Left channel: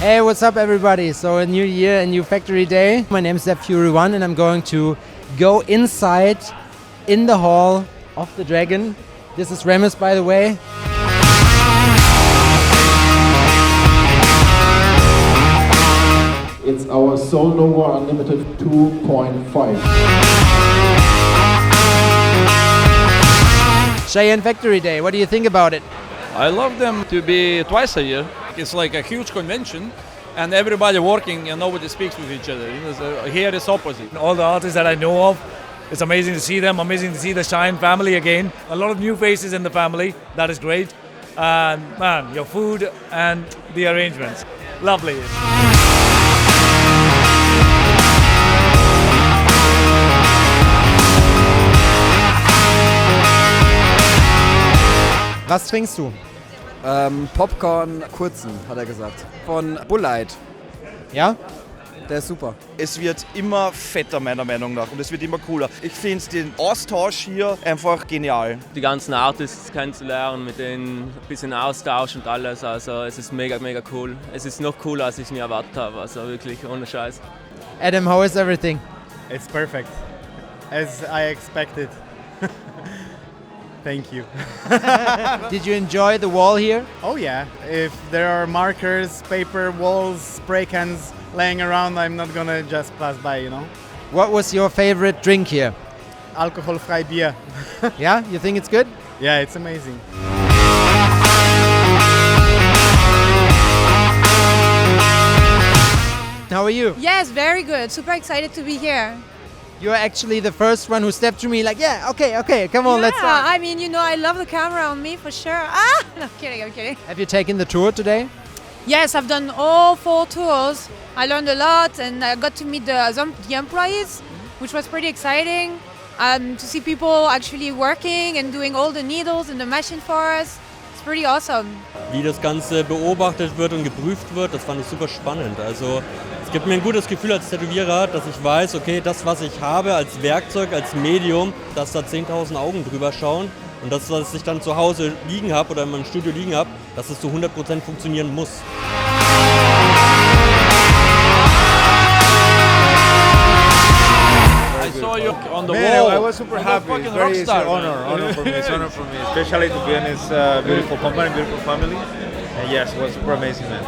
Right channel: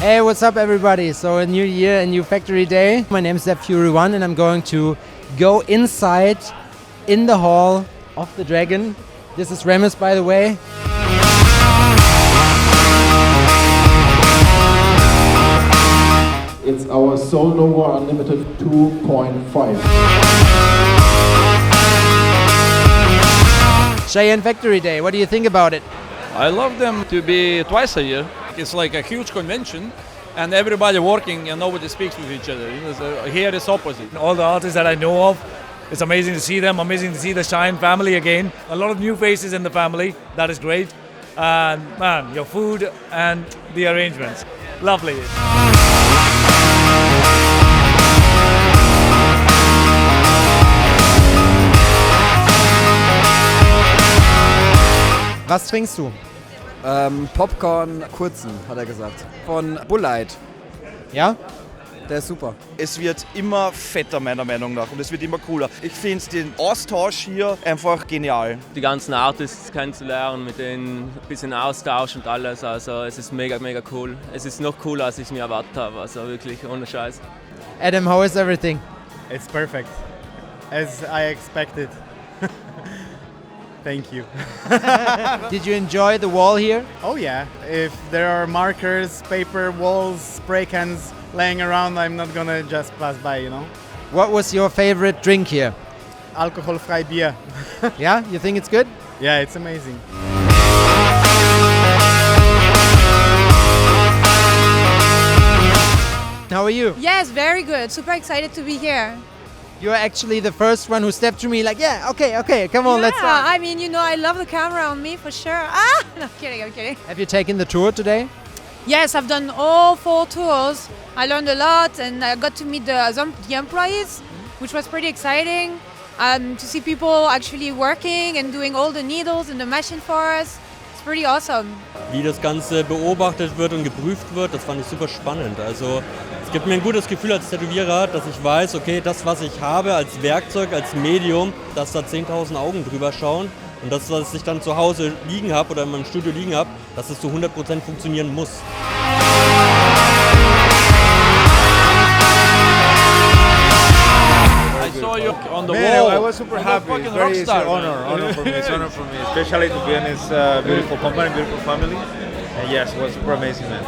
Hey, what's up everybody? So a new year, a new factory day. My name is Fury1 and I'm going to go inside in the hall of the Dragon. This is Remus, by the way. It's our Soul Nova Unlimited 2.5. Cheyenne Factory Day, what do you think about it? I love them to be twice a year. It's like a huge convention and everybody working and nobody speaks with each other. You know, so here it's opposite. All the artists that I know of, it's amazing to see them, amazing to see the Cheyenne family again. A lot of new faces in the family, that is great. And man, your food and the arrangements, lovely. Was trinkst du? Popcorn kurzen, hat er gesagt. Von Bull Light. Ja? Der ist super. Es wird immer fetter, meiner Meinung nach, und es wird immer cooler. Ich finde den Austausch hier einfach genial. Die ganzen Artists kennenzulernen, mit denen ein bisschen Austausch und alles. Also es ist mega, mega cool. Es ist noch cooler, als ich es mir erwartet habe. Also wirklich, ohne Scheiß. Adam, how is everything? It's perfect, as I expected. Thank you. Did you enjoy the wall here? Oh yeah, if there are markers, paper, walls, spray cans laying around, I'm not gonna just pass by, you know. What was your favorite drink here? Alcohol-free beer. Yeah, you think it's good? Yeah, it's amazing. How are you? Yes, very good. Super excited to be here. You're actually the first one who stepped to me like, yeah, okay, come on, let's start. I mean, you know, I love the camera on me for sure. Ah, no, I'm kidding. Have you taken the tour today? Yes, I've done all 4 tours. I learned a lot and I got to meet the employees, which was pretty exciting. To see people actually working and doing all the needles in the machine for us. It's pretty awesome. Wie das Ganze beobachtet wird und geprüft wird, das fand ich super spannend. Also es gibt mir ein gutes Gefühl als Tätowierer, dass ich weiß, okay, das, was ich habe als Werkzeug, als Medium, dass da 10.000 Augen drüber schauen und das, was ich dann zu Hause liegen habe oder in meinem Studio liegen habe, dass es zu 100% funktionieren muss. I saw you on the Man, wall. I was super happy. It's very it's an honor for me. It's an honor for me, especially to be in this beautiful company, beautiful family. And yes, it was super amazing, man.